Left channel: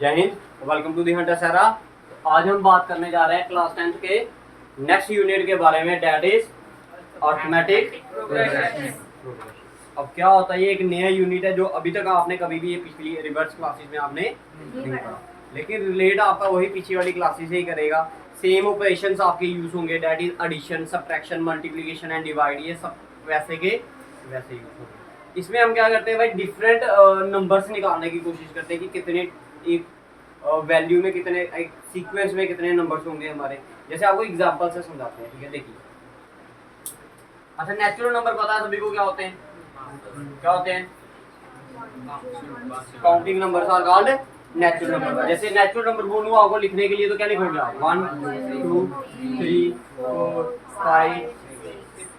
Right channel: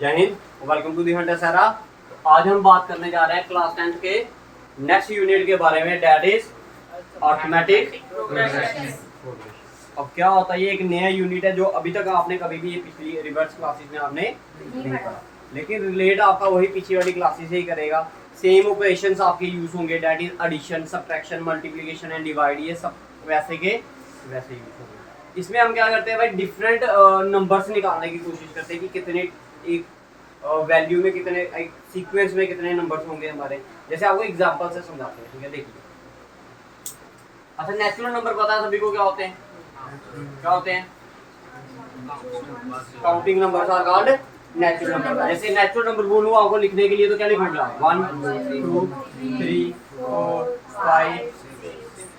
जय हिंद, welcome to the hunter सारा। आज हम बात करने जा रहे हैं क्लास 10 के नेक्स्ट यूनिट के बारे में, दैट इज अर्थमेटिक प्रोग्रेशन। अब क्या होता है, ये एक नया यूनिट है जो अभी तक आपने कभी भी ये पिछली रिवर्स क्लासेस में आपने नहीं पढ़ा, लेकिन रिलेट आपका वही पिछली वाली क्लासेस से ही करेगा। सेम ऑपरेशंस आपके यूज होंगे, that is addition, subtraction, multiplication and divide, ये सब वैसे के वैसे यूज होंगे। इसमें हम क्या करते हैं भाई, डिफरेंट नंबर्स निकालने की कोशिश करते हैं कि कितने एक वैल्यू में कितने, एक सीक्वेंस में कितने नंबर्स होंगे हमारे। जैसे आपको एग्जांपल से समझाते हैं, ठीक है। देखिए, अच्छा नेचुरल नंबर पता है सभी को क्या होते हैं? क्या होते हैं? Counting numbers are called natural number. जैसे नेचुरल नंबर बोलूँ आपको लिखने के लिए तो क्या लिखोगे आप? 1 2 3 4 5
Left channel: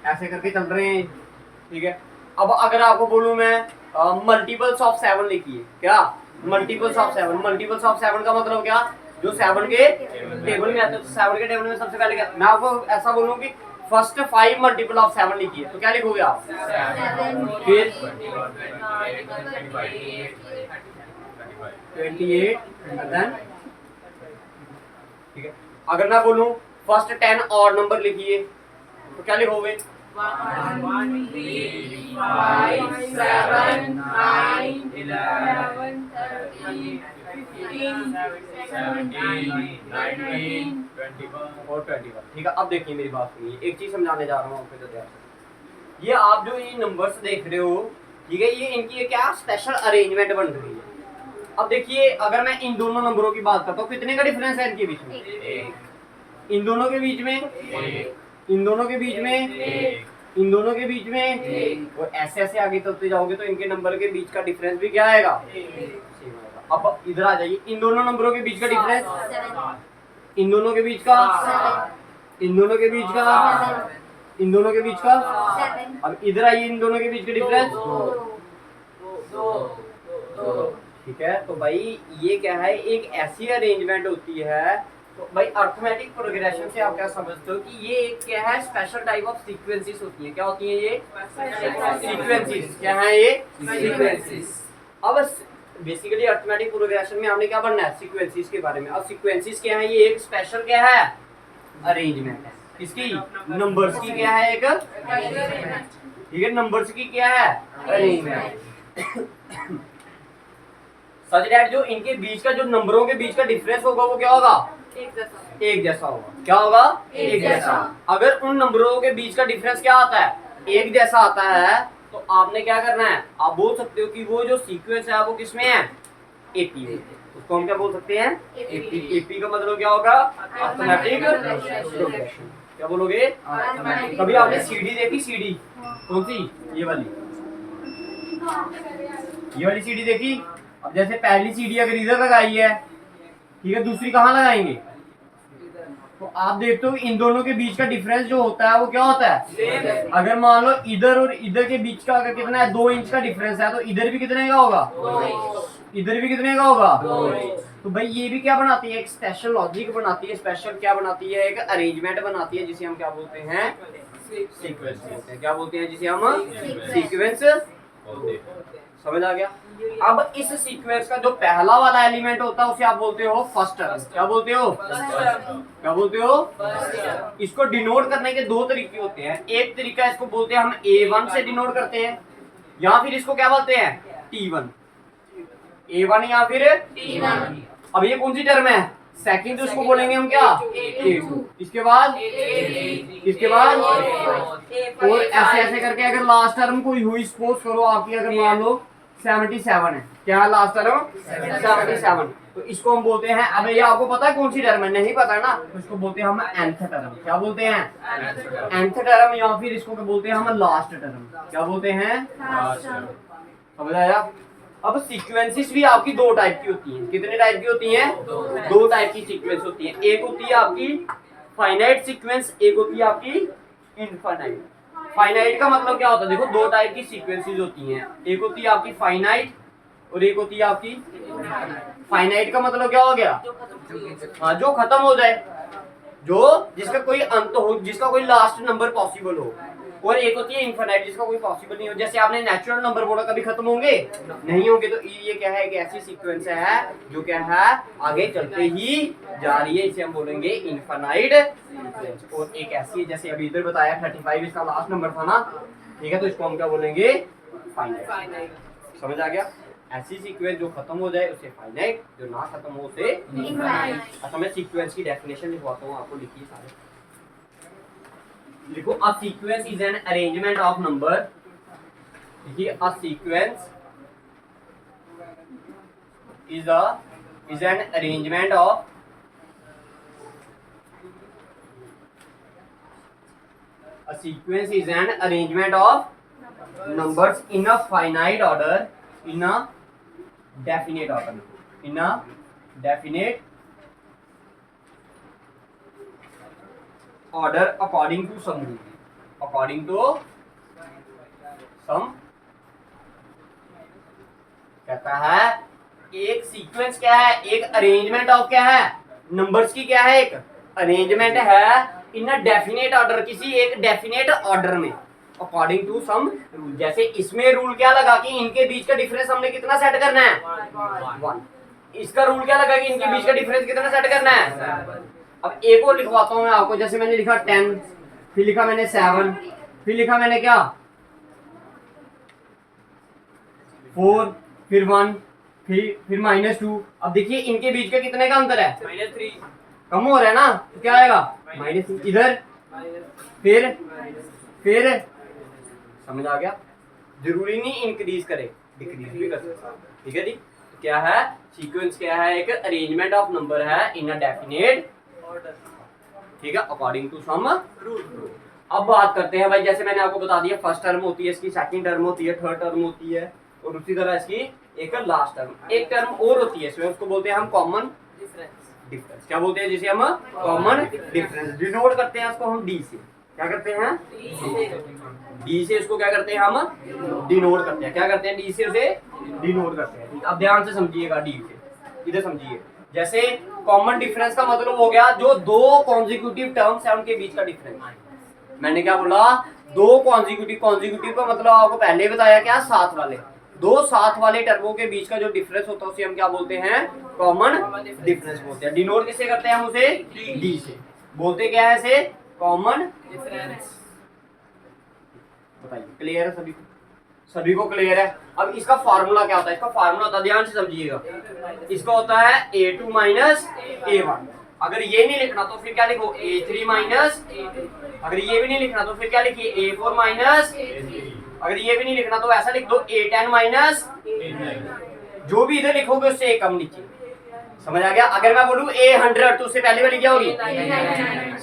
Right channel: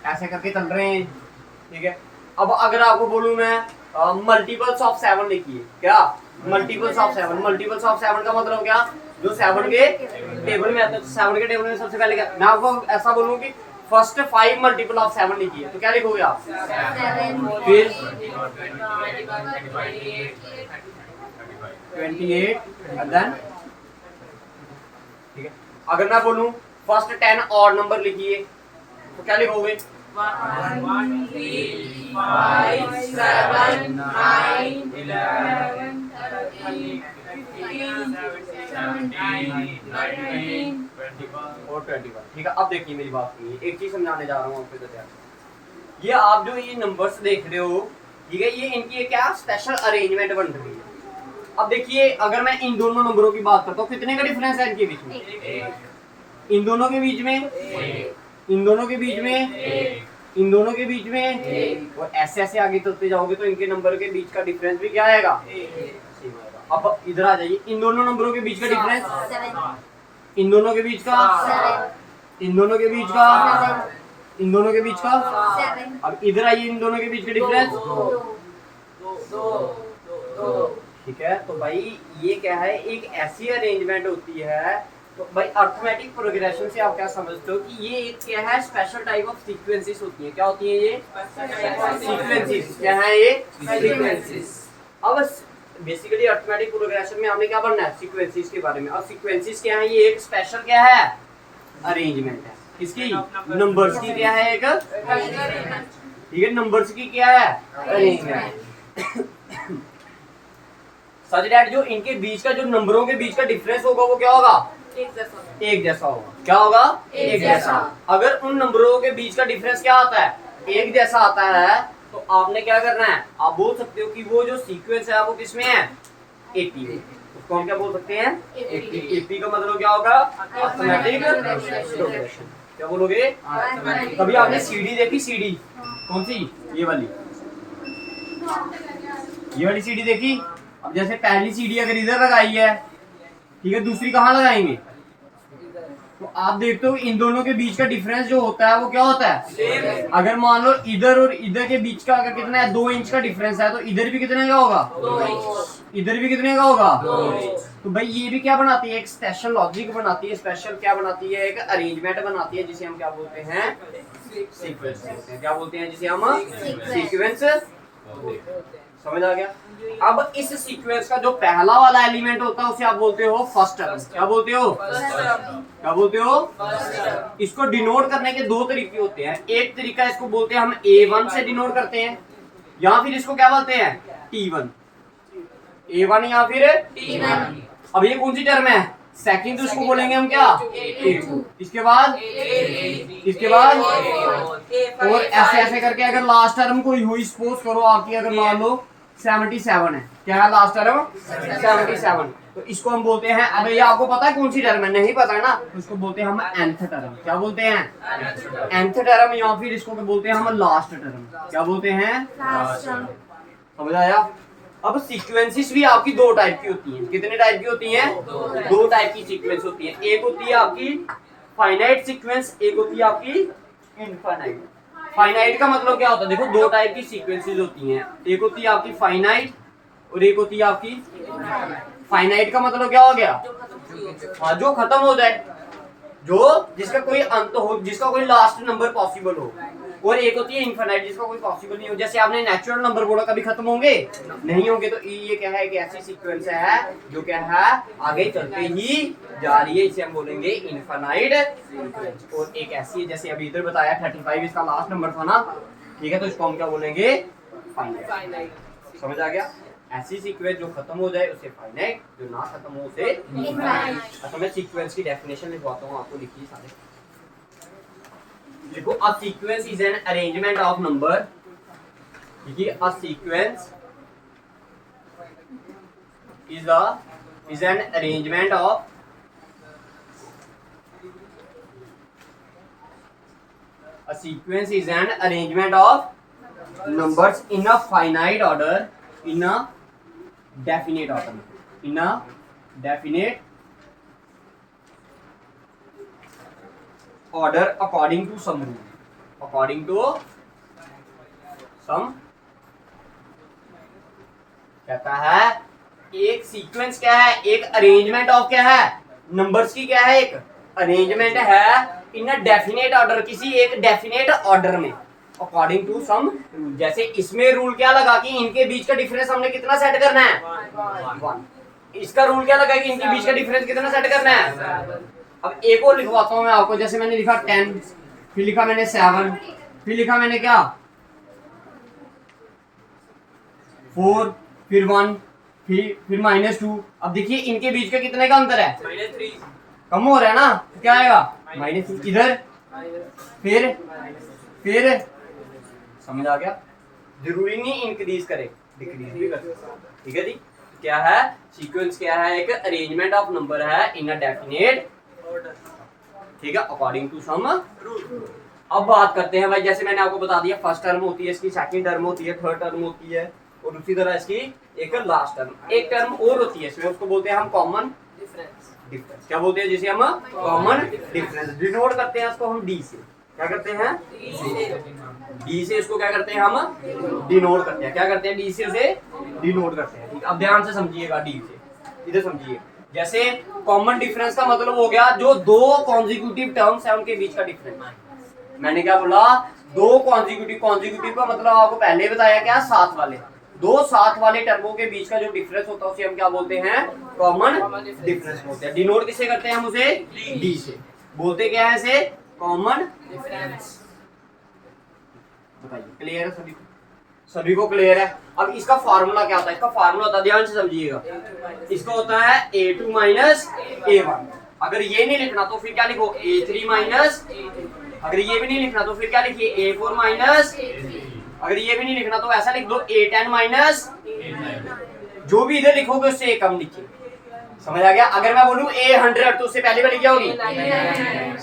ऐसे करके चल रहे हैं, ठीक है। अब अगर आपको बोलूँ मैं मल्टीपल्स ऑफ 7 लिखिए, क्या मल्टीपल्स ऑफ 7? मल्टीपल्स ऑफ 7 का मतलब क्या? जो 7 के टेबल में आता है, 7 के टेबल में सबसे पहले क्या, मैं आपको ऐसा बोलूँ कि फर्स्ट 5 मल्टीपल ऑफ 7 लिखिए, तो क्या लिखोगे आप? 7 फिर 28 देन, ठीक है। अगर मैं बोलूँ फर्स्ट 10 और नंबर लिखिए, तो क्या लिखोगे? 1 3 5 7 9 11 13 15 17 19 और 21, ठीक है। अब देखिए मेरी बात सुनिए, एक चीज समझाने जा रहा हूँ आपको इधर ध्यान। ये आप जो ये नंबर्स देख रहे हो, ठीक है, ये इनकी क्या स्पेशल अरेंजमेंट बन रही है। अब देखिए, अगर मैं इन दोनों नंबरों की बात करता हूँ, कितने का डिफरेंस है इनके बीच में? इन दोनों के बीच में, इन दोनों के बीच में, इन दोनों के बीच में, और ऐसे ऐसे आगे चलते जाओगे तो इनके नंबर के बीच का डिफरेंस भी क्या आएगा? अब इधर आ जाइए, इन दोनों नंबरों के बीच का डिफरेंस, इन दोनों के बीच का, इन दोनों के बीच का, इन दोनों के बीच का। अब इधर आइए, इन दोनों के बीच का डिफरेंस 2, ठीक है। तो भाई ये क्या है, एक ऐसी अरेंजमेंट होती है। तो भाई अर्थमेटिक प्रोग्रेशन से आप क्या समझते हो कि ये एक क्या है, स्पेशल टाइप ऑफ सीक्वेंसेस होती है। क्या होती है ये? सीक्वेंसेस। क्या है ये? सीक्वेंसेस। अब बेसिकली अर्थमेटिक प्रोग्रेशन में हमने क्या पढ़ना है? सीक्वेंसेस के बारे में। और सीक्वेंसेस क्या है? ये एक स्पेशल क्या है, अरेंजमेंट है। किसकी? नंबर्स की क्या है, एक, ठीक है, नंबर्स की क्या है, अरेंजमेंट। सच दैट जो इनके बीच का, जो नंबरों के बीच का डिफरेंस होगा वो क्या होगा? एक जैसा होगा। क्या होगा? एक जैसा। अगर उन नंबरों के बीच का डिफरेंस क्या आता है, एक जैसा आता है, तो आपने क्या करना है, आप बोल सकते हो कि वो जो सीक्वेंस है वो किसमें है? एपी में। उसको हम क्या बोल सकते हैं? एपी। एपी का मतलब क्या होगा? Arithmetic progression. क्या बोलोगे? कभी आपने सीडी देखी? सीडी कौन सी? ये वाली, ये वाली सीडी देखी? अब जैसे पहली सीडी अगर इधर लगाई है, ठीक है, दूसरी कहाँ लगाएंगे? तो आप देखते हो इन दोनों के बीच का डिफरेंस जो होता है वो क्या होता है? अगर मान लो इधर और इधर के बीच का अगर कितना है, 2 इंच का डिफरेंस है, तो इधर भी कितने का होगा? 2 इंच। इधर भी कितने का होगा? 2 इंच। तो भाई ये भी क्या बनाती है, एक स्पेशल लॉजिक बनाती है, स्पेशल क्या बनाती है, एक अरेंजमेंट बनाती है, जिसे हम क्या बोलते हैं? सीक्वेंस बोलते हैं। क्या बोलते हैं? जिसे हम सीक्वेंस। समझ आ गया? अब इस सीक्वेंस का जो पहला वाला एलिमेंट होता है उसे आप बोलते हो फर्स्ट टर्म। क्या बोलते हो? क्या बोलते हो? इसको डिनोट करने के 2 तरीके होते हैं। एक तरीका इसको बोलते हैं हम A1 से डिनोट करते हैं, या फिर इसको क्या बोलते हैं? T1। A1 या फिर T1। अब ये कौन सी टर्म है? सेकंड, उसको बोलेंगे हम क्या? A2। इसके बाद, इसके बाद, और ऐसे ऐसे करके अगर लास्ट टर्म कोई हुई, सपोज करो आपकी अगर मान लो 77 है, क्या है लास्ट टर्म? 77। तो इसको हम बोलते हैं, अब ये आपको पता है कौन सी टर्म है? नहीं पता है ना, तो इसको बोलते हैं हम nth टर्म। क्या बोलते हैं? nth टर्म, या फिर इसको बोलते हैं हम लास्ट टर्म। क्या बोलते हैं? समझ आया? अब सीक्वेंसेस भी आपकी 2 टाइप की होती हैं। कितने टाइप की होती हैं? 2 टाइप की सीक्वेंस होती है। एक होती है आपकी फाइनाइट सीक्वेंस, एक होती है आपकी इनफाइनाइट। फाइनाइट का मतलब क्या होता है? देखो 2 टाइप की सीक्वेंसेस होती हैं, एक होती है आपकी फाइनाइट और एक होती है आपकी। फाइनाइट का मतलब क्या हो गया? हाँ, जो खत्म हो जाए, जो जिसका कोई अंत हो, जिसका कोई लास्ट नंबर पॉसिबल हो। और एक होती है इनफाइनाइट जिसका कोई पॉसिबल नहीं हो। जैसे आपने नेचुरल नंबर बोला, कभी खत्म होंगे नहीं होंगे। तो ये क्या है, एक ऐसी सीक्वेंस है जो क्या है आगे चलते ही जा रही है, इसे हम बोलेंगे इनफाइनाइट सीक्वेंस। और एक ऐसी है जैसे अभी इधर बताया 35 इसका लास्ट नंबर था ना, ठीक है, तो इसको हम क्या बोलेंगे, फाइनाइट। समझ आ गया? ऐसी सीक्वेंस जो खत्म हो जाए उसे फाइनाइट, जो ना खत्म हो उसे इनफाइनाइट। अच्छा मैं सीक्वेंस की डेफिनेशन लिखवाता हूँ आपको, लिखिए सारे। देखो, a sequence is an arrangement of number. देखिए, a sequence is an arrangement of numbers in a finite order in a definite order, in a definite order according to some rule, according to some। कहता है एक sequence क्या है, एक arrangement of क्या है, numbers की क्या है, एक अरेंजमेंट है इन अ डेफिनेट ऑर्डर, किसी एक डेफिनेट ऑर्डर में, अकॉर्डिंग टू सम रूल। जैसे इसमें रूल क्या लगा कि इनके बीच का डिफरेंस हमने कितना सेट करना है, 1। इसका रूल क्या लगा कि इनके बीच का डिफरेंस कितना सेट करना है। अब एक और लिखवाता हूं मैं आपको, जैसे मैंने लिखा 10, फिर लिखा मैंने 7, फिर लिखा मैंने क्या 4, फिर 1, फिर -2। अब देखिए इनके बीच का कितने का अंतर है, -3। कम हो रहा है ना, तो क्या आएगा -3 इधर, फिर समझ आ गया? जरूरी नहीं इंक्रीज करे, डिक्रीज भी कर सकता है। ठीक है जी? क्या है सीक्वेंस, क्या है एक अरेंजमेंट ऑफ नंबर है इन अ डेफिनेट ऑर्डर, ठीक है, अकॉर्डिंग टू सम रूल। अब बात करते हैं भाई, जैसे मैंने आपको बता दिया फर्स्ट टर्म होती है इसकी, सेकंड टर्म होती है, थर्ड टर्म होती है, और उसी तरह इसकी एक लास्ट टर्म, एक टर्म और होती है इसमें, उसको बोलते हैं हम कॉमन डिफरेंस। क्या बोलते हैं जिसे हम कॉमन डिफरेंस, डिनोट करते हैं इसको हम डी से। क्या करते हैं, डी से इसको क्या करते हैं हम डिनोट करते हैं। क्या करते हैं, डी से उसे डिनोट करते हैं। अब ध्यान से समझिएगा, डी से इधर समझिए। जैसे कॉमन डिफरेंस का मतलब हो गया जो दो कॉन्जिक्यूटिव टर्म्स है उनके बीच का डिफरेंस। मैंने क्या बोला, दो कॉन्जिक्यूटिव का मतलब आपको पहले ही बताया क्या, साथ वाले, दो साथ वाले टर्मों के बीच का जो डिफरेंस होता है उसे हम क्या बोलते हैं, कॉमन डिफरेंस बोलते हैं। डिनोट किससे करते हैं हम उसे, डी से। बोलते क्या है इसे, कॉमन डिफरेंस। बताइए, क्लियर है सभी को? सभी को क्लियर है? अब इसका फार्मूला क्या होता है, इसका फार्मूला होता है, ध्यान से समझिएगा, इसका होता है a2 माइनस a1। अगर ये नहीं लिखना तो फिर क्या लिखो, a3 माइनस a2। अगर ये भी नहीं लिखना तो फिर क्या लिखिए, a4 माइनस a3। अगर ये भी नहीं लिखना तो ऐसा लिख दो, a10 माइनस a9। जो भी इधर लिखोगे उससे एक कम नीचे। समझ आ गया? अगर मैं बोलूं a100 तो उससे पहली वाली क्या होगी,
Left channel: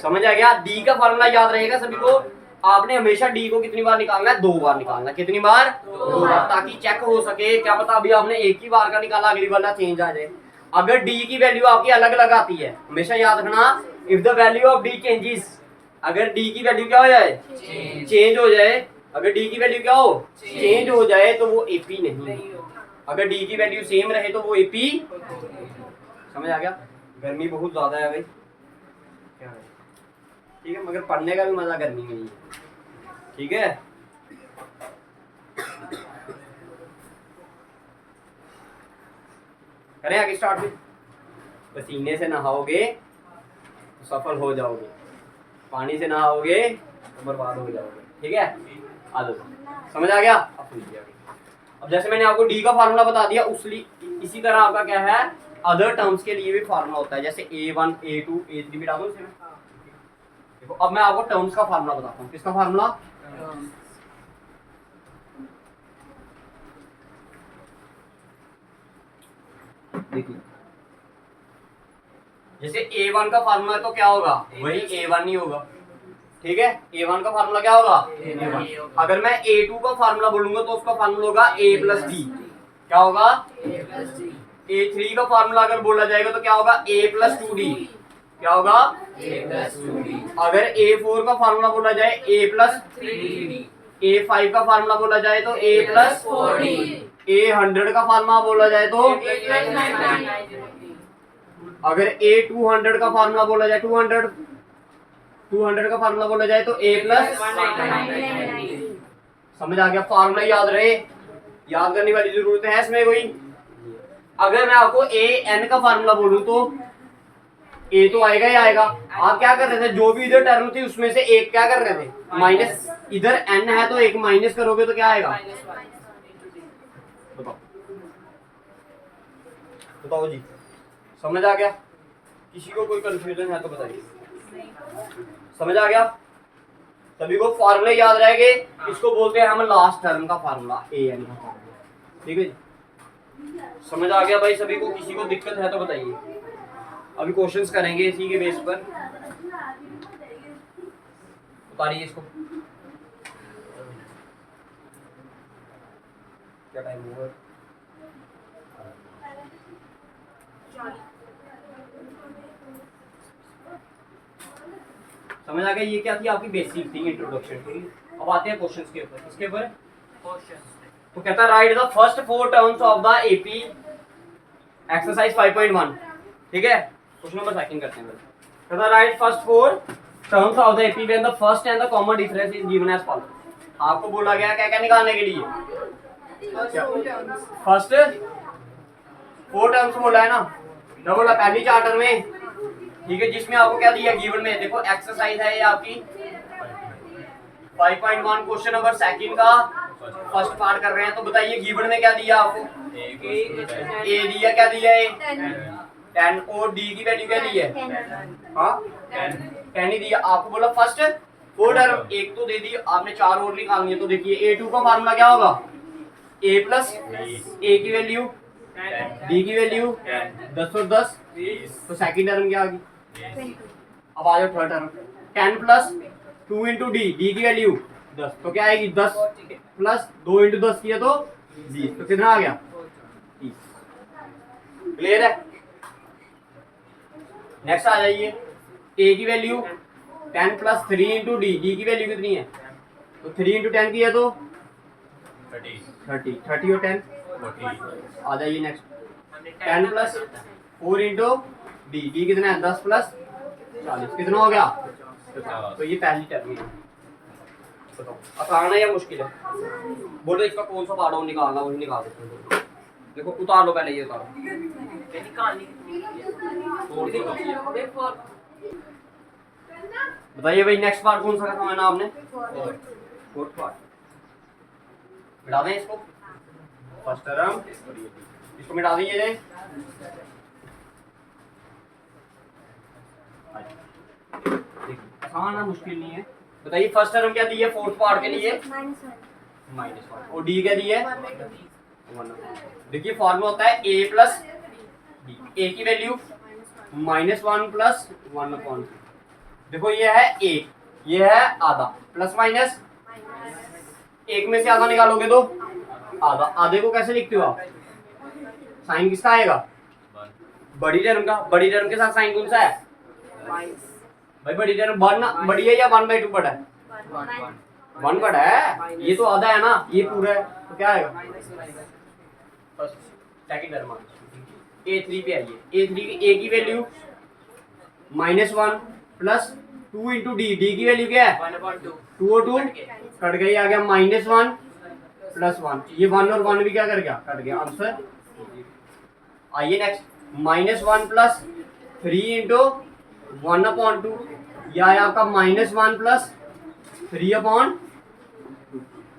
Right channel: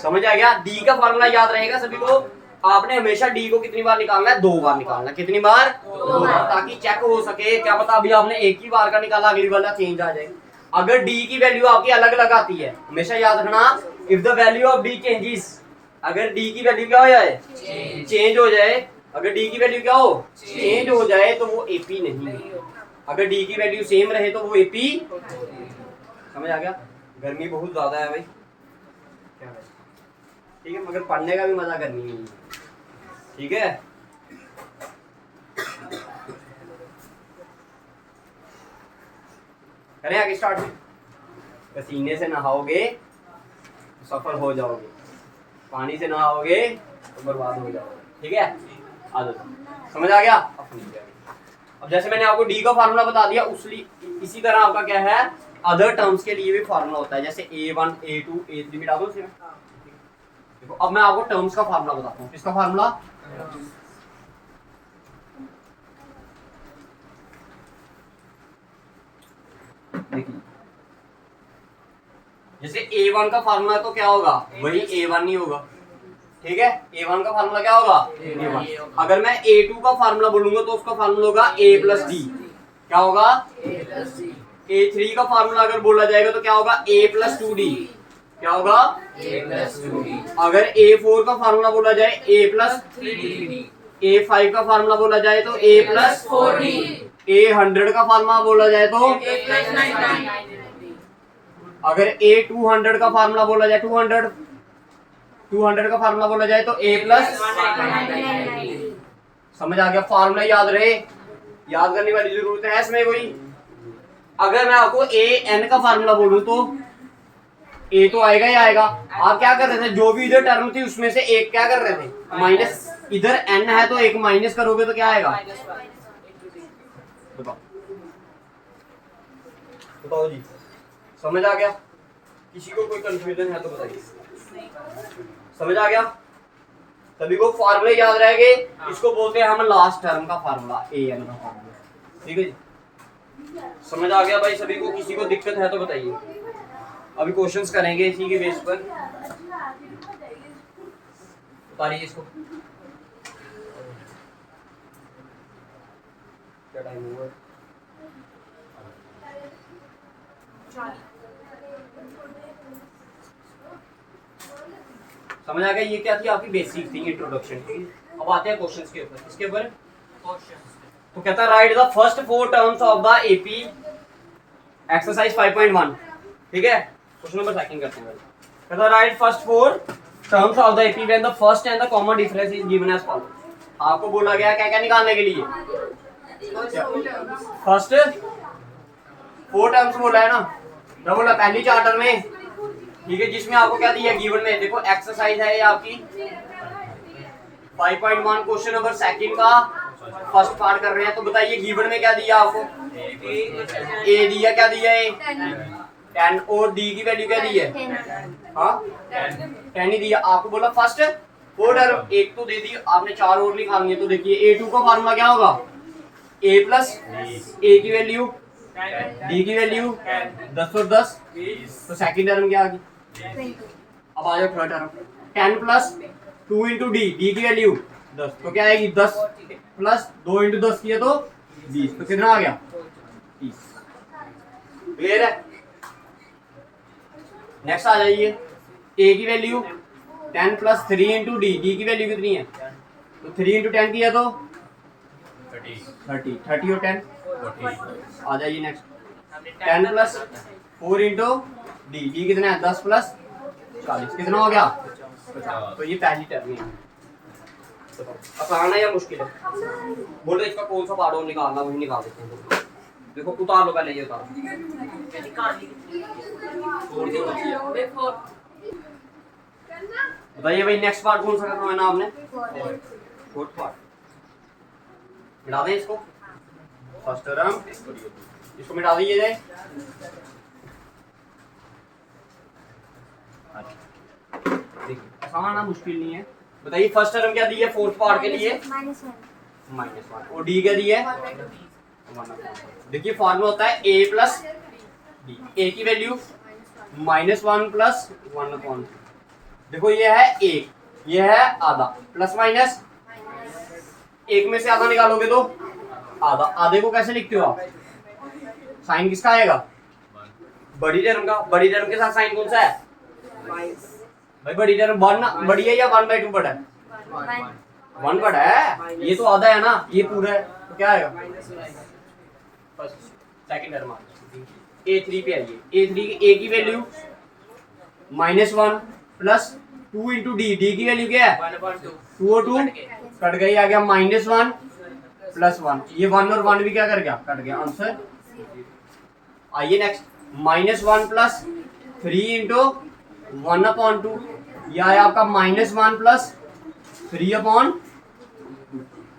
समझ आ गया? डी का फार्मूला याद रहेगा सभी को। आपने हमेशा डी को कितनी बार निकालना है, 2 बार निकालना। कितनी बार, 2 बार, ताकि चेक हो सके। क्या पता अभी आपने एक ही बार का निकाला, अगली वाला चेंज आ जाए। अगर डी की वैल्यू आपकी अलग अलग आती है, हमेशा याद रखना, if the value of D changes, अगर डी की वैल्यू क्या हो जाए, चेंज हो जाए, अगर डी की वैल्यू क्या हो, चेंज हो जाए, तो वो एपी नहीं। अगर डी की वैल्यू सेम रहे तो वो एपी। समझ आ गया? गर्मी बहुत ज्यादा है भाई, क्या है? ठीक है, मगर पढ़ने का भी मजा गर्मी में नहीं है। ठीक है, करें आगे स्टार्ट में। पसीने से नहाओगे तो सफल हो जाओगे, पानी से नहाओगे तो बर्बाद हो जाओगे। ठीक है, आ जाओ, समझ आ गया? अब जैसे मैंने आपको डी का फार्मूला बता दिया, इसी तरह आपका क्या है, अदर टर्म्स के लिए भी फार्मूला होता है। जैसे a1 a2 a3 मिटा दो इसमें। देखो, अब मैं आपको टर्म्स का फार्मूला बताता हूँ। किसका फार्मूला, देखिए, जैसे a1 का फार्मूला तो क्या होगा, वही a1 ही होगा। ठीक है, a1 का फार्मूला क्या होगा, a1। अगर मैं a2 का फार्मूला बोलूंगा तो उसका फार्मूला होगा a प्लस डी। क्या होगा, a प्लस डी। a3 का फार्मूला अगर बोला जाएगा तो क्या होगा, a प्लस 2d। क्या होगा, a प्लस 2d। अगर a4 का फार्मूला बोला जाए a प्लस 3d। a5 का फार्मूला बोला जाए तो a प्लस 4d। a100 का फार्मूला बोला जाए तो a प्लस 9d। अगर a200 का फार्मूला बोला जाए, 200 का फार्मूला बोला जाए तो a प्लस 199। समझ आ गया? फार्मूला याद रहे, याद करने वाली जरूरत है इसमें कोई? अगर मैं आपको ए एन का फार्मूला बोलूं तो ए तो आएगा ही आएगा। आप क्या कर रहे थे, जो भी इधर टर्म थी उसमें से एक क्या कर रहे थे, माइनस। इधर एन है तो एक माइनस करोगे तो क्या आएगा? बताओ बताओ जी, समझ आ गया? किसी को कोई कंफ्यूजन है तो बताइए। समझ आ गया सभी को? फॉर्मूले याद रह गए? इसको बोलते हैं हम लास्ट टर्म का फार्मूला, ए एन का फार्मूला। ठीक है जी, समझ आ गया भाई सभी को? किसी को दिक्कत है तो बताइए। अभी क्वेश्चंस करेंगे इसी के बेस पर। उतारिए इसको। क्या टाइम हुआ? समझ आ गया? ये क्या थी आपकी बेसिक थी, इंट्रोडक्शन। अब आते हैं क्वेश्चंस के ऊपर। इसके ऊपर तो कहता है right the first 4 terms of the AP exercise 5.1। ठीक है, क्वेश्चन नंबर सेकंड करते हैं। कहता है write first 4 terms of the AP when the first and the common difference is given as follow. आपको बोला गया क्या क्या निकालने के लिए? फर्स्ट 4 टर्म्स बोला है ना, क्या बोला? पहली 4 टर्म में, ठीक है, जिसमें आपको क्या दिया गिवन में? देखो एक्सरसाइज है ये आपकी 5.1, क्वेश्चन नंबर सेकंड का फर्स्ट पार्ट कर रहे हैं। तो बताइए गिवन में क्या दिया आपको? ए दिया, क्या दिया? ए 10, और डी की वैल्यू क्या दी है? हाँ 10 ही दिया। आपको बोला फर्स्ट 4 टर्म, एक तो दे दी आपने, 4 और निकालनी है। तो देखिए A2 का फार्मूला क्या होगा? A प्लस ए की वैल्यू डी की वैल्यू 10 और 10, तो सेकंड टर्म क्या आ गई? अब आ जाओ third term, 10 plus 2 into D, D की वैल्यू 10, तो क्या आएगी? 10 प्लस 2 इंटू 10 किया तो 20, तो कितना आ गया? 30। क्लियर है? नेक्स्ट आ जाइए, ए की value 10 plus 3 into D, D की वैल्यू कितनी है? तो 3 इंटू 10 किया तो 30 और 10 आ जाइए। Next 10 plus 4 into D, D कितना है? 10 प्लस 40, कितना हो गया? 50। तो ये पहली टर्म है। आसान है या मुश्किल है? बोलो इसका कौन सा पार्ट और निकालना, वही निकाल देते हैं। देखो उतार लो पहले, ये उतारो। बताइए भाई नेक्स्ट पार्ट कौन सा करवाना आपने? Fourth part. मिटा दें इसको, फर्स्ट टर्म इसको मिटा दीजिए। देखिए आसान है, मुश्किल नहीं है। बताइए फर्स्ट टर्म क्या दी है फोर्थ पार्ट के लिए? -1, और डी क्या दी है? 1। देखिए फॉर्मूला होता है a प्लस डी, ए की वैल्यू -1 प्लस 1/2। देखो ये है a, ये है आधा, प्लस माइनस एक में से आधा निकालोगे तो आधा। आधे को कैसे लिखते हो आप? साइन किसका आएगा? बड़ी टर्म का। बड़ी टर्म के साथ साइन कौन सा है भाई? बड़ी टर्म 1 बड़ी है या 1/2 बड़ा है? 1 बड़ा है, ये तो आधा है ना, ये पूरा है, तो क्या आएगा? सेकंड टर्म a3 पे आइए। a3 की a की value -1 plus 2 into D, D की वैल्यू क्या है? 2 और 2 कट गई, आ गया -1 प्लस 1। ये 1 और 1 भी क्या कर गया? कट गया। आंसर आइए नेक्स्ट, -1 प्लस 3 इंटू 1/2, यह है आपका -1 प्लस 3/2।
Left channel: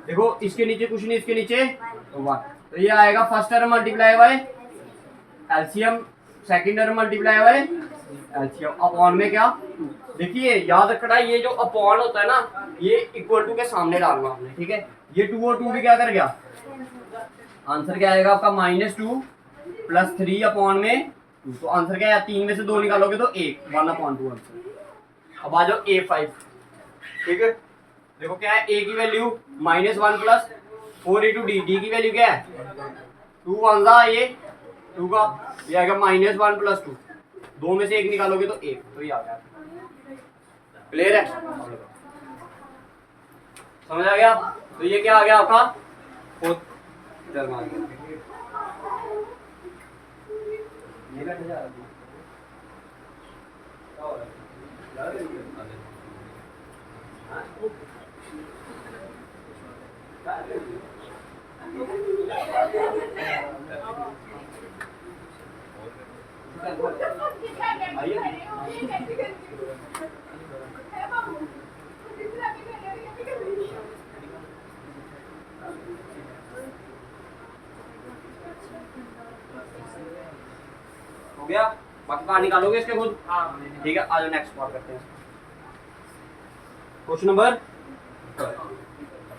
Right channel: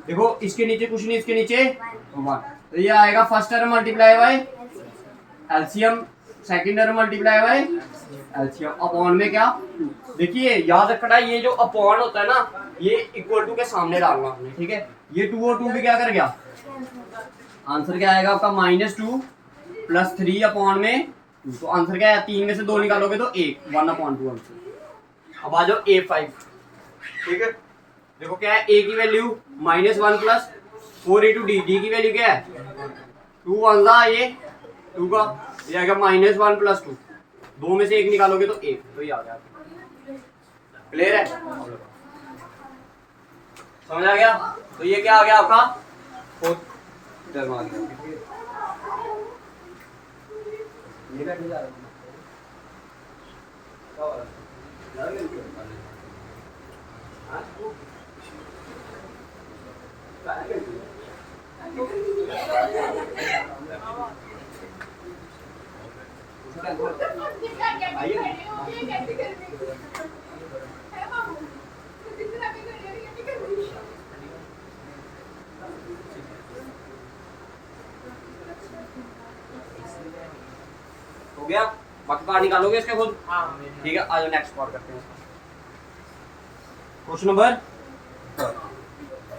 देखो इसके नीचे कुछ नहीं, इसके नीचे 1, तो ये आएगा first term multiply by LCM, second term multiply by LCM, upon में क्या? देखिए याद रखना, ये जो अपॉन होता है ना, ये इक्वल टू के सामने डालना आपने। ठीक है, ये 2 और 2 भी क्या कर गया? आंसर क्या आएगा आपका? -2 प्लस 3/2 में 2, तो आंसर क्या है? 3 में से 2 निकालोगे तो 1, 1/2 आंसर। अब आ जाओ A5। ठीक है, देखो क्या है? a की value -1 plus 4 into D, D की वैल्यू क्या है? 2 1 ये 2 का, ये आएगा -1 प्लस 2, 2 में से 1 निकालोगे तो 1, तो ये आ गया। क्लियर है? समझ आ गया? तो ये क्या आ गया आपका? फोर्थ टर्म आ गया। ये करने जा रहा है क्या हो रहा है? हो गया, बाकी पार्ट निकालोगे इसके खुद। ठीक है, आज नेक्स्ट पार्ट करते हैं। क्वेश्चन नंबर,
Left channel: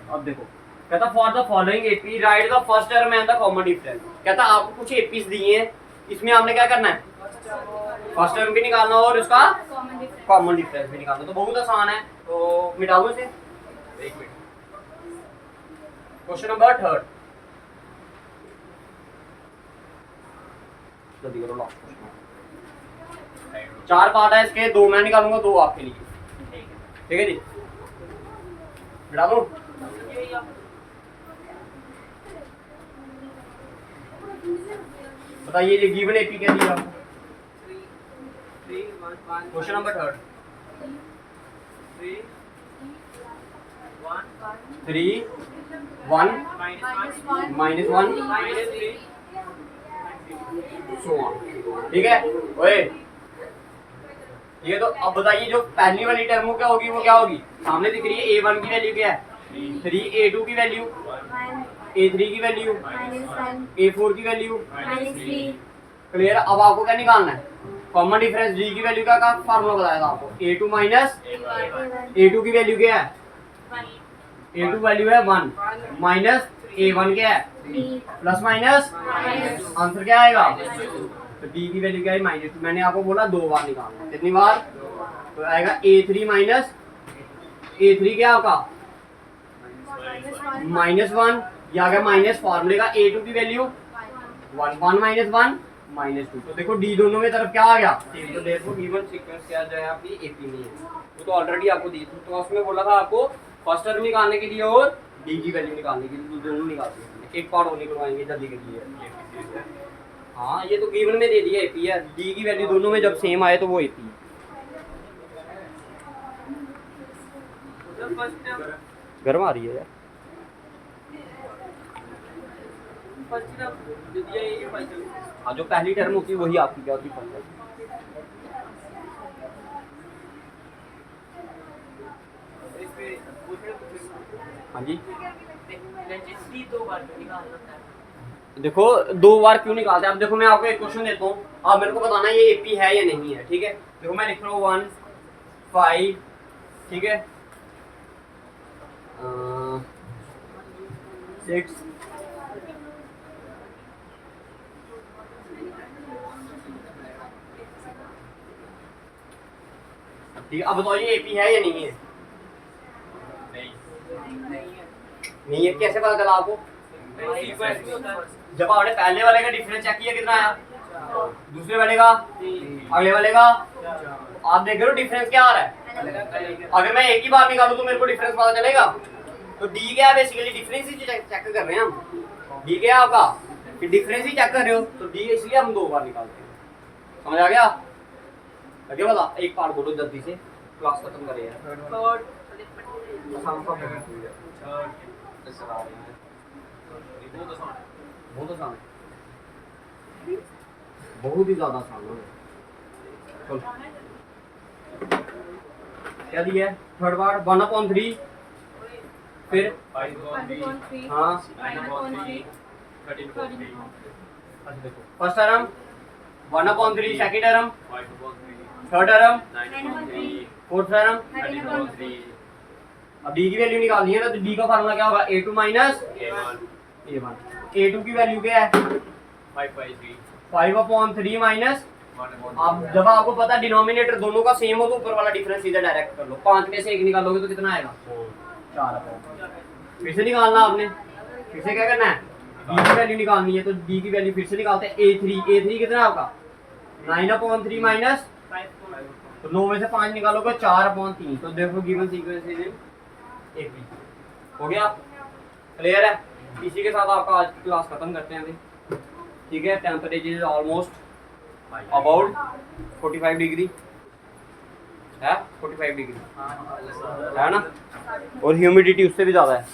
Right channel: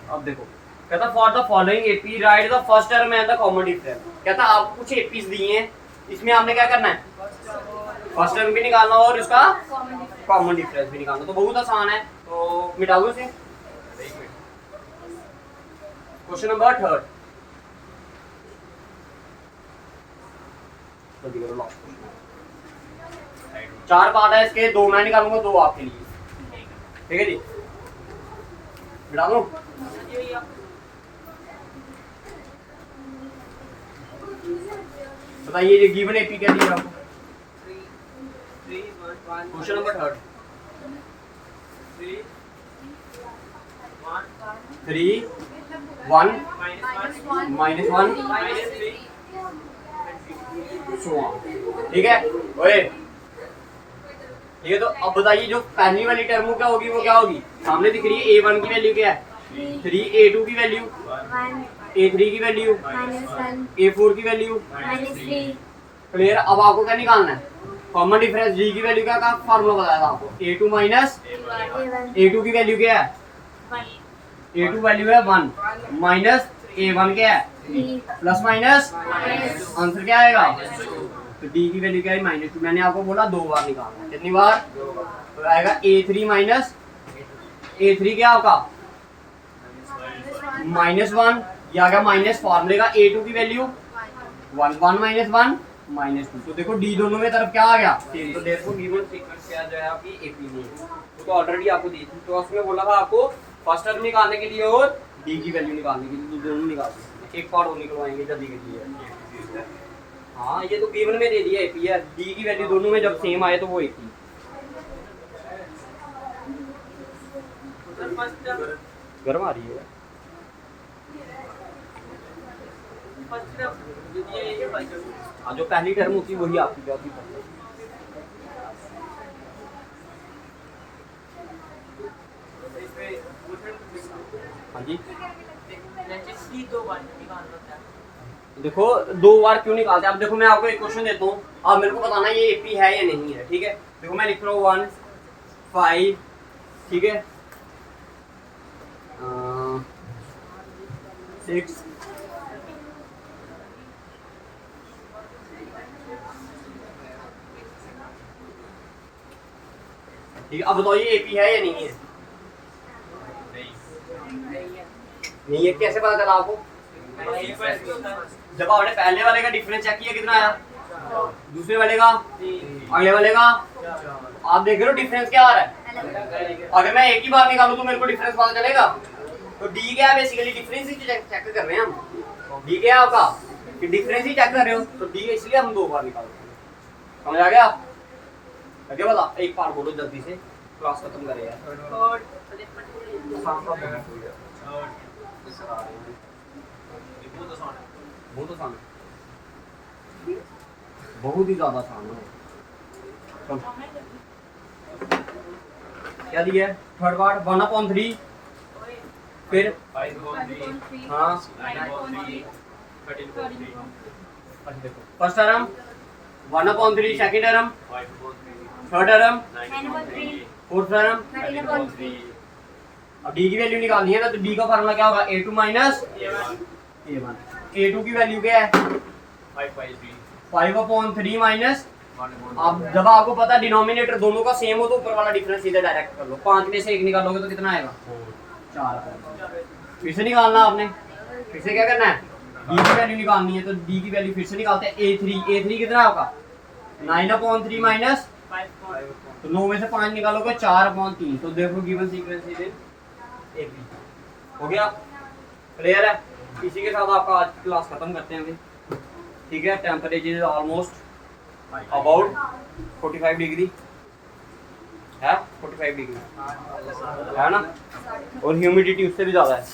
अब देखो, कहता for the following AP right the first term and the common difference. कहता आपको कुछ एपीज दिए हैं, इसमें आपने क्या करना है, फर्स्ट टर्म भी निकालना और इसका कॉमन डिफरेंस भी निकालना। तो बहुत आसान है, तो मिटा दो इसे। एक मिनट, क्वेश्चन नंबर 3, जल्दी करो, लास्ट क्वेश्चन। 4 पार्ट है इसके, 2 मैं निकालूंगा, 2 आपके लिए। ठीक है जी, मिटा दो। बताइए ये गिवन एपी क्या दिया आपको। Question number 3, 3 1 -1 so on। ठीक है, ओए ठीक है। तो अब बताइए जो पहली वाली टर्म क्या होगी, वो क्या होगी, सामने दिख रही है। A1 की वैल्यू क्या है 3, A2 की वैल्यू 1 A3 की वैल्यू -1 A4 की वैल्यू। -3 क्लियर। अब आपको क्या निकालना है, कॉमन डिफरेंस। डी की वैल्यू का फार्मूला बताया था आपको, A2 माइनस A2 की वैल्यू क्या है, A2 वैल्यू है 1 माइनस A1 क्या है, प्लस माइनस आंसर क्या आएगा। तो डी की वैल्यू क्या है -2। मैंने आपको बोला 2 बार निकालना है, कितनी बार, तो आएगा A3 माइनस A3 क्या होगा -1, ये आ गया माइनस फार्मूले का A2 की वैल्यू 1 1 -1 -2। तो देखो डी दोनों में तरफ क्या आ गया सेम। तो देखो गिवन सीक्वेंस क्या जो है आपकी एपी में है, तो ऑलरेडी आपको दी थी। तो उसमें बोला था आपको फर्स्ट टर्म निकालने के लिए और डी की वैल्यू निकालने के लिए, तो दोनों निकाल सकते। एक पार्ट और निकलवाएंगे जल्दी के लिए। हाँ, ये तो गिवन में दे दिया एपी है, डी की वैल्यू दोनों में जब सेम आए तो वो एपी। गर्म आ रही है यार। हाँ, जो पहली टर्म होती है वही आपकी क्या होती है। हाँ जी, देखो 2 बार क्यों निकालते हैं। अब देखो मैं आपको एक क्वेश्चन देता हूँ, आप मेरे को बताना ये एपी है या नहीं है। ठीक है, देखो मैं लिख रहा हूँ 1 5, ठीक है 6 ठीक है। अब बताओ ये एपी है या नहीं है। नहीं है, कैसे पता चला आपको, जब आपने पहले वाले का डिफरेंस चेक किया कितना आया, दूसरे वाले का, अगले वाले का, आप देख रहे हो डिफरेंस क्या आ रहा है। अगर मैं एक ही बार निकालूं तो मेरे को डिफरेंस पता चलेगा। तो डी क्या है, बेसिकली डिफरेंस ही चेक कर रहे हैं हम। डी क्या है आपका, कि डिफरेंस ही चेक कर रहे हो, तो डी इसलिए हम 2 बार निकालते हैं। समझ आ गया, लगे बता। एक पार्ट बोलो जल्दी से, क्लास खत्म करे यार। बहुत आसान है, बहुत ही ज्यादा आसान है। क्या दिया है, थर्ड पार्ट 1/3, फिर 5/3 हाँ 9/3 13/3 अच्छा देखो first term 1/3, second term 5/3, third term 9/3 fourth term 13/3 अब डी की वैल्यू निकालनी है ना, तो डी का फार्मूला क्या होगा, A2 माइनस A1। A2 की वैल्यू क्या है 5/3 माइनस। अब जब आपको पता है डिनोमिनेटर दोनों का सेम हो तो ऊपर वाला डिफरेंस सीधा डायरेक्ट कर लो। 5 में से 1 निकालोगे तो कितना आएगा 4। फिर से निकालना आपने, फिर से क्या करना है, डी की वैल्यू निकालनी है। तो डी की वैल्यू फिर से निकालते हैं A3 कितना है आपका 9/3 माइनस, तो 9 में से 5 निकालोगे 4/3। तो देखो गिवन सीक्वेंस इज एपी। हो गया, क्लियर है। इसी के साथ आपका आज की क्लास खत्म करते हैं भाई। ठीक है, temperature is almost about 45 degree है, 45 डिग्री है ना, और ह्यूमिडिटी उससे भी ज़्यादा है।